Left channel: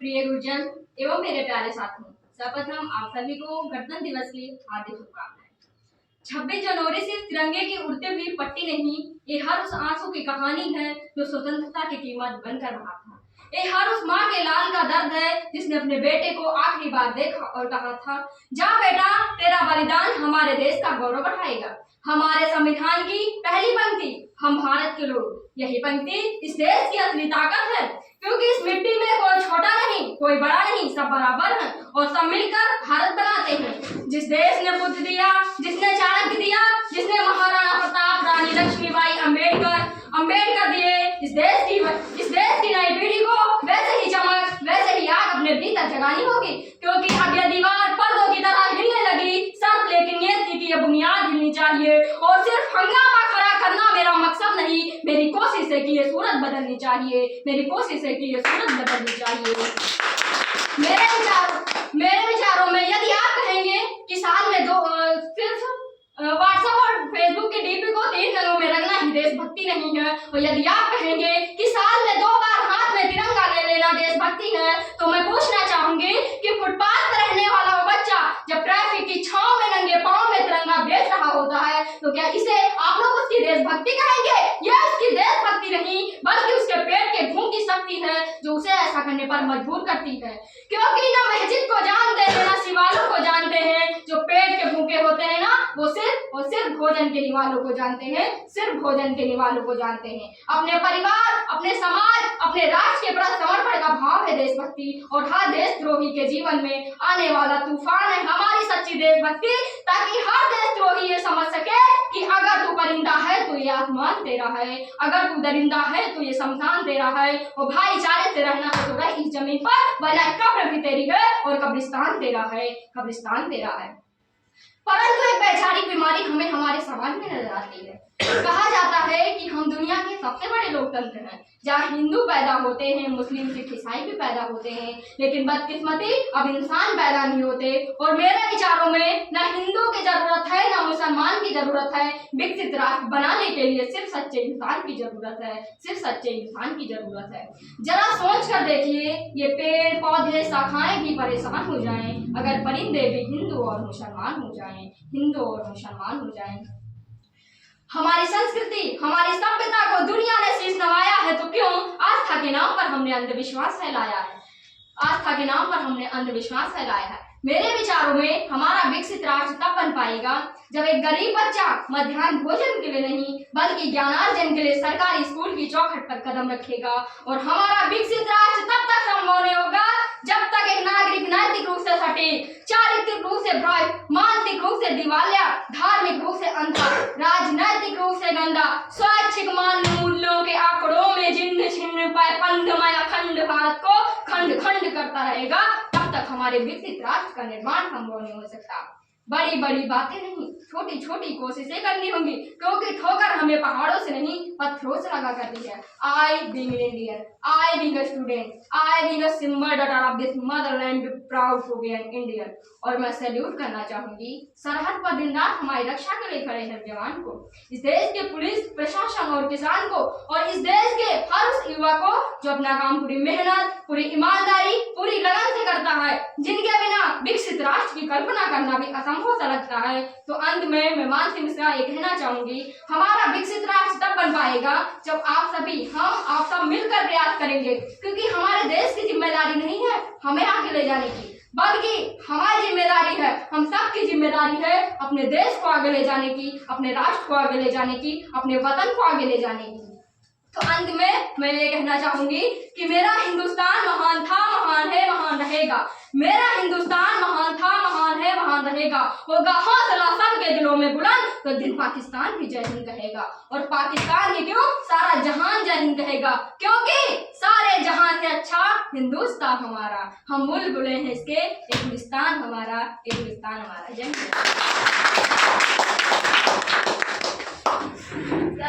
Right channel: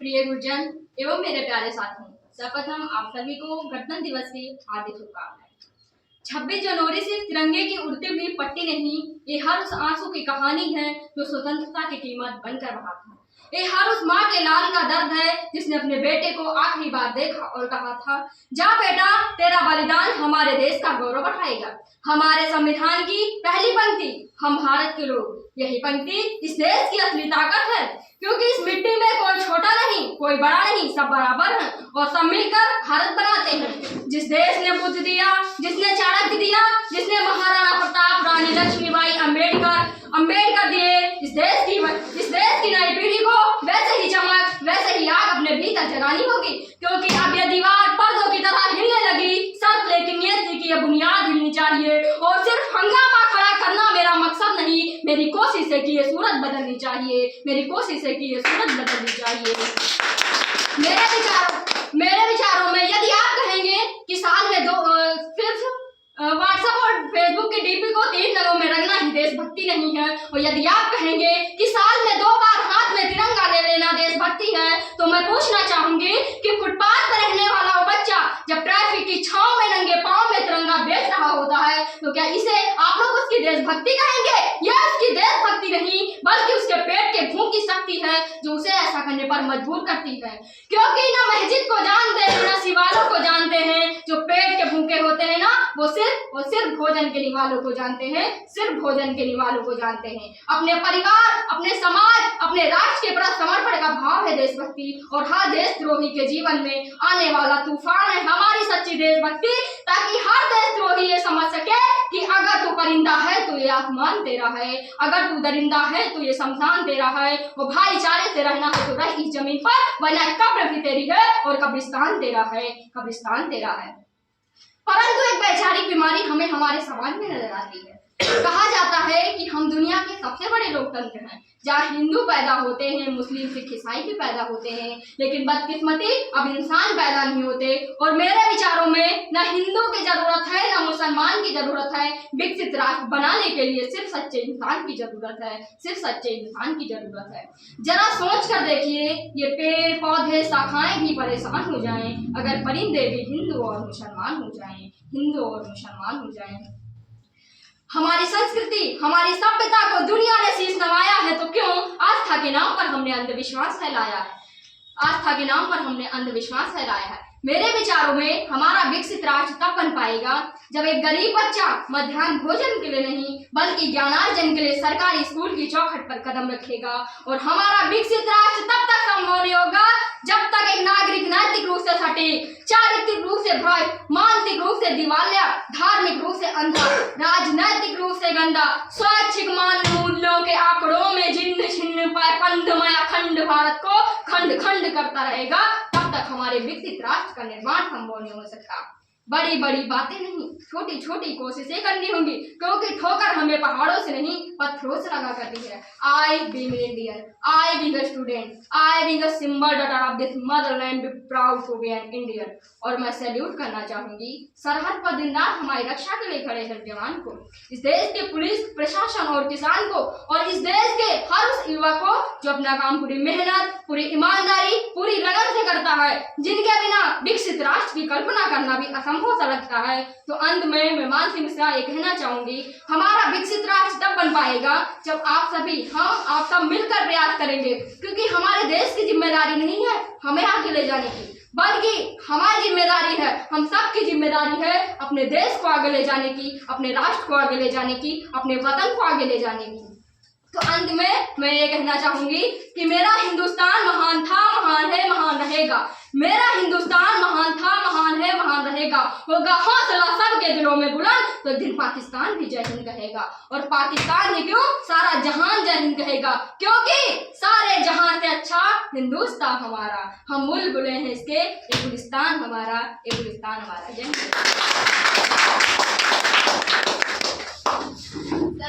प्रिय गुरुजन एवं मेरे प्यारे साथियों, सर्वप्रथम आप सभी को गणतंत्र दिवस की हार्दिक शुभकामनाएं। 26 जनवरी सिर्फ तिरंगे की उड़ती हुई पट्टी नहीं, ये हर उस आंसू की कहानी है जो स्वतंत्रता की कीमत बनकर रहा था। ये हर उस माँ के लाल का दर्द है जिसने अपने बेटे को आखिरी बार देखा और कहा था, जा बेटा, तेरा बलिदान हमारे देश का गौरव बढ़ाएगा। हमारे संविधान की पहली पंक्ति, हम भारत के लोग, यही पंक्ति इस देश की असली ताकत है, क्योंकि इस मिट्टी में कोई छोटा नहीं, कोई बड़ा नहीं, सब बराबर हैं और सब मिलकर भारत बनाते हैं। जिस देश ने बुद्ध दिया, जिसने चाणक्य दिया, जिसने महाराणा प्रताप, रानी लक्ष्मीबाई, अम्बेडकर दिए, इस देश की नई पीढ़ी को वैसे ही चमक, वैसे ही आग अपने भीतर जगानी होगी, क्योंकि अब यह दीवार पर्दों की तरह हिलने लगी। शर्त लेकिन ये थी कि यह बुनियाद हिलनी चाहिए और सिर्फ हंगामा खड़ा करना मेरा मकसद नहीं, मेरी कोशिश है कि ये सूरत बदलनी चाहिए, मेरी कोशिश है कि ये सूरत बदलनी चाहिए। मेरे विचारों में यदि आप कहेंगे कि साल में सिर्फ व्हाट्सएप और फेसबुक की डीपी को 3 रंगों में रंगना ही देशभक्ति नहीं है, और यदि आप कहेंगे कि साल में 2 बार हाथ में तिरंगा ले लेना देशभक्ति है, तो मैं पूछना चाहूंगी कि फुटपाथ पर रहने वाला वो बच्चा जब ट्रैफिक की छांव में नंगे पांव में तिरंगा बेच रहा होता है, तो क्या इसे आप लोग उसकी देशभक्ति कहेंगे? यह उसकी देशभक्ति नहीं, बल्कि उसके पेट के भूख की शक्ति है जो उसे ऐसा करने पर मजबूर करती है, क्योंकि ना मस्जिद को जानते हैं, ना शिवालों को जानते हैं। जो पेट के भूखे होते हैं ना, वो सिर्फ भोजन के निवालों को जानते हैं, सिर्फ भोजन के निवालों को जानते हैं। अपने परिवार, अपने समाज, अपने राष्ट्र के प्रति समर्पण का भाव है देशभक्ति, और हर देशद्रोही के जीवन में आने वाला तूफान है हमारी सच्ची देशभक्ति, ताकि हर देशद्रोही ये समझ सके कि अगर तू परिंदा है तो ये आसमान तेरा है, अगर तू दरिंदा है तो ये शमशान तेरा है, और भाईचारे से रहना है तो रह इस जमीन पर, वरना कब्र भी तेरी है और कब्रिस्तान तेरा है, कब्रिस्तान तेरा है। परंतु एक वैचारिक बीमारी हमें हमारे समाज में नजर आती है। कहा जाता है कि हम दुनिया के सबसे बड़े लोकतंत्र हैं, जहाँ हिंदू पैदा होते हैं, मुस्लिम, सिख, ईसाई भी पैदा होते हैं, लेकिन बदकिस्मती अब इंसान पैदा नहीं होते। और मेरे विचारों में न हिंदू की जरूरत है, न मुसलमान की जरूरत है, विकसित राष्ट्र बनाने के लिए सिर्फ सच्चे इंसान की जरूरत है, सिर्फ सच्चे इंसान की जरूरत है। जरा सोच कर देखिए, ये पेड़ पौधे शाखाएं भी परेशान हो जाएं अगर परिंदे भी हिंदू और मुसलमान हो जाएं, हिंदू और मुसलमान हो जाएं। हमारी संस्कृति, हमारी सभ्यता को दुनिया ने शीश नवाया है, तो क्यों आस्था के नाम पर हमने अंधविश्वास फैलाया है, आस्था के नाम पर हमने अंधविश्वास फैलाया है। मेरे विचारों में हमारा विकसित राष्ट्र तब बन पाएगा जब एक गरीब बच्चा मध्याह्न भोजन के लिए नहीं, बल्कि ज्ञानार्जन के लिए सरकारी स्कूल की चौखट पर कदम रखेगा। और हमारा विकसित राष्ट्र तब तक संभव नहीं होगा जब तक एक नागरिक नैतिक रूप से सटीक, चारित्रिक रूप से भ्रष्ट, मानसिक रूप से दिवालिया, धार्मिक रूप से अंधा, राजनैतिक रूप से गंदा, स्वैच्छिक मान मूल्यों के आंकड़ों में जिन्न छिन्न पंधमय अखंड भारत को खंड खंड करता रहेगा, तब तक हमारे विकसित राष्ट्र का निर्माण संभव नहीं हो सकता। बड़ी बड़ी बातें नहीं, छोटी छोटी कोशिशें करनी होंगी, क्योंकि ठोकर हमें पहाड़ों से नहीं पत्थरों से लगा करती है। I being an Indian, I being a student, I being a symbol daughter of this motherland, be proud to be an Indian। और मैं सैल्यूट करना चाहूंगी सरहद पर दिन रात हमारी रक्षा के लिए खड़े हैं जवान को, इस देश के पुलिस प्रशासन और किसान को, और इस देश के हर उस युवा को जो अपना काम पूरी मेहनत, पूरी ईमानदारी, पूरी लगन से करता है, जिनके बिना विकसित राष्ट्र की कल्पना करना भी असंभव सा लगता है। तो अंत में मैं मानसी मिश्रा ये कहना चाहूंगी, हमारा विकसित राष्ट्र तब बन पाएगा जब आप सब मिलकर प्रयास करेंगे, क्योंकि हमारे देश की जिम्मेदारी नहीं है हमें आगे ले जाने की, बल्कि हमारी जिम्मेदारी है, हम सबकी जिम्मेदारी है अपने देश को आगे ले जाने की, अपने राष्ट्र को आगे ले जाने की, अपने वतन को आगे ले जाने की। तो अंत में मैं ये कहना चाहूंगी कि मेरा हिंदुस्तान महान था, महान है, महान रहेगा। मेरा हिंदुस्तान महान था, महान है, महान रहेगा। होगा हौसला सबके दिलों में बुलंद, तो दिन पाकिस्तान भी जय हिंद कहेगा। और पाकिस्तान ही क्यों, सारा जहान जय हिंद कहेगा, क्योंकि सारे जहां से अच्छा हिंदुस्तान हमारा, हम बुलबुलें हैं इसके, एक गुलिस्तान हमारा, एक गुलिस्तान हमारा। जय हिंद।